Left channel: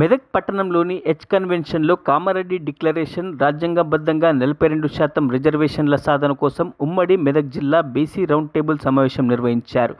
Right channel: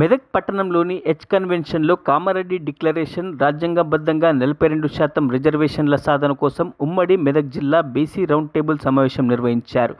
మెదక్ పట్టణంలోని H కన్వెన్షన్లో Kamareddy declaration రాజ్యాంగబద్ధంగా 42% రిజర్వేషన్ల సాధన కోసం ఉమ్మడి మెదక్ జిల్లా బీసీ రౌండ్ టేబుల్ సమావేశం నిర్వహించారు.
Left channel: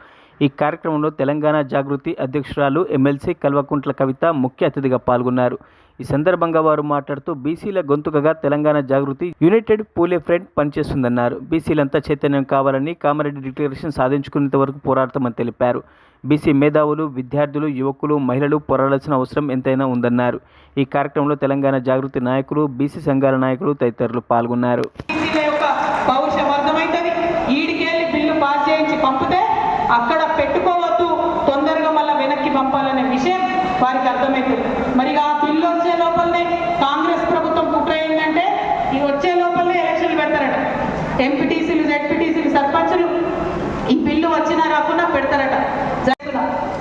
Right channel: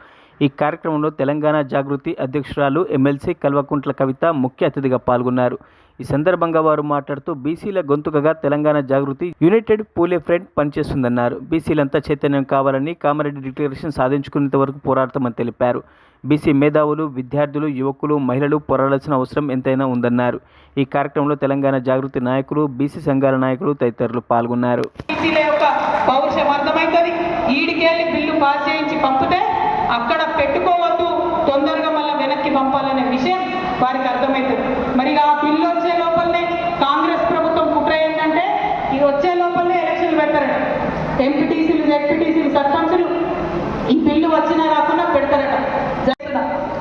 ఈ కార్యక్రమంలో తెలంగాణ జాగృతి అధ్యక్షురాలు ఎమ్మెల్సీ కల్వకుంట్ల కవిత ముఖ్య అతిథిగా పాల్గొన్నారు. ఈ సందర్భంగా వారు మాట్లాడుతూ బీసీల గొంతుకగా తెలంగాణ జాగృతి యునైటెడ్ పూలే ఫ్రంట్ పనిచేస్తుందన్నారు. బీసీలంతా చైతన్యం కావాలని, కామారెడ్డి డిక్లరేషన్ సాధించుకునేంత వరకు పోరాడతామని తెలిపారు. బీసీ మేధావులు, విద్యార్థులు, యువకులు, మహిళలు పోరాడాల్సిన అవసరం ఎంతైనా ఉందన్నారు. ఈ కార్యక్రమంలో తెలంగాణ జాగృతి నాయకులు, బీసీ సంఘాల నాయకులు తదితరులు పాల్గొన్నారు. అక్కడ పెట్టుకోవద్దు, తొందరగా మళ్ళీ వెనక్కి పంపాలనే విషయం వారికి అర్థమవుతుంది. మరి ఆ బిల్లు వచ్చే లోపలనే కాంగ్రెస్ ప్రభుత్వం కుట్ర ఏంటంటే ఇది వచ్చే లోపలనే ఎలక్షన్లు పెడతారట. ఎంపీటీసీలు, జెడ్పీటీసీలు, సర్పంచులు ఈ బిల్లు వచ్చినా రాకుండా పెడతారట.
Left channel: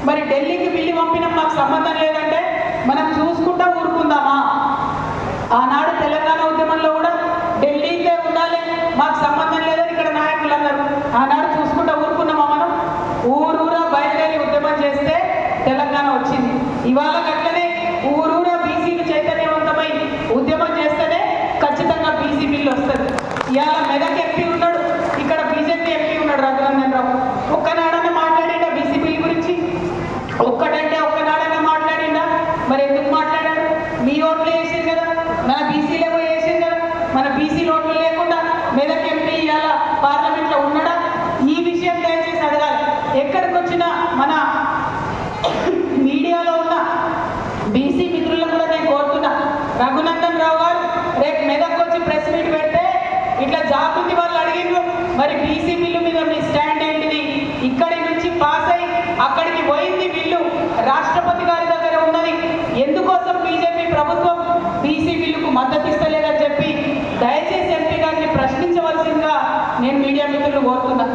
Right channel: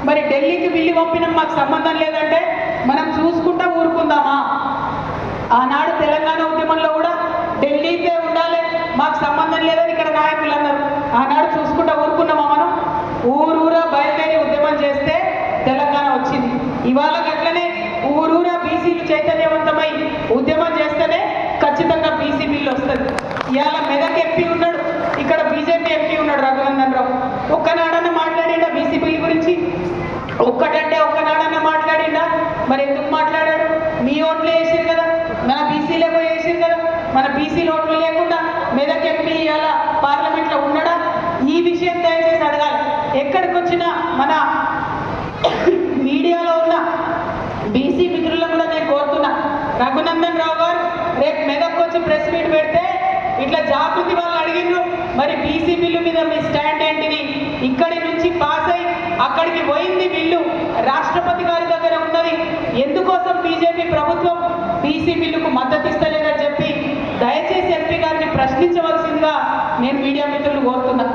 మరి ఢిల్లీకి బిల్లు పంపినాం, మాకు సంబంధం లేదంటే మనం చూసుకుంటా ఊరుకుందామా? ఆనాడు తెలంగాణ ఉద్యమంలో కూడా ఢిల్లీకే ఉండాలి, మాకు సంబంధం లేదని ఇక్కడ నాయకులు అన్నారు. ఆనాడు చూసుకుంటా ఊరుకున్నామా? మనం ఊరూరా బయలుదేరి ఉద్యమం చేస్తే తెలంగాణ వచ్చింది. ఇవాళ గట్లనే ఊరూరా బీసీలు చైతన్యవంతమై ఉద్యమం చేస్తేనే ఖచ్చితంగా బీసీ బిల్లు వస్తుంది. ఇవాళ మెదక్ ఎంపీ ఉన్నాడు, ఇక్కడ బీజేపీ ఎంపీ ఉన్నాడు రఘునందన్ రావు. ఒక్కనాడన్నా మాట్లాడిండా బీసీ బిల్లు గురించి? ఒక్కటంటే ఒక్కనాడన్నా మాట్లాడిండా? మరి ఎందుకు మాట్లాడాడు? మీ ఓట్లు వేసారు కదా, మన బీసీలేమో వేసారు కదా, మన బీసీ ఓట్లు లేకుండా మెదక్ ఎంపీ ఇవాళ పార్లమెంట్లో ఉన్నాడా? ఈ విషయం దయచేసి అడగాలి. ఎక్కడికి వచ్చినా మన మీడియాలో ఉన్న బీసీ మిత్రులను కూడా నేను కోరుతున్నా, రఘునందన్ రావు గారు రేపు మెదక్ వచ్చి ప్రెస్ మీట్ పెడితే ఇట్లా జాగృతి వాళ్ళు అడిగిండ్రు, మరి బీసీ బిల్లు మీద మీ స్టాండ్ ఏంటిది? ఇక్కడి నుంచి పాస్ అయి అక్కడికి పోయింది బిల్లు, రాష్ట్రపతి గారి దగ్గర ఉన్నది. ఎందుకోసం బీజేపీ ప్రభుత్వం బీసీ బిల్లుకు మద్దతు ఇస్తలేదని చెప్పి దయచేసి ఎంపీ గారిని ప్రశ్నించవలసిందిగా నేను మీడియా మిత్రులు కోరుతున్నా.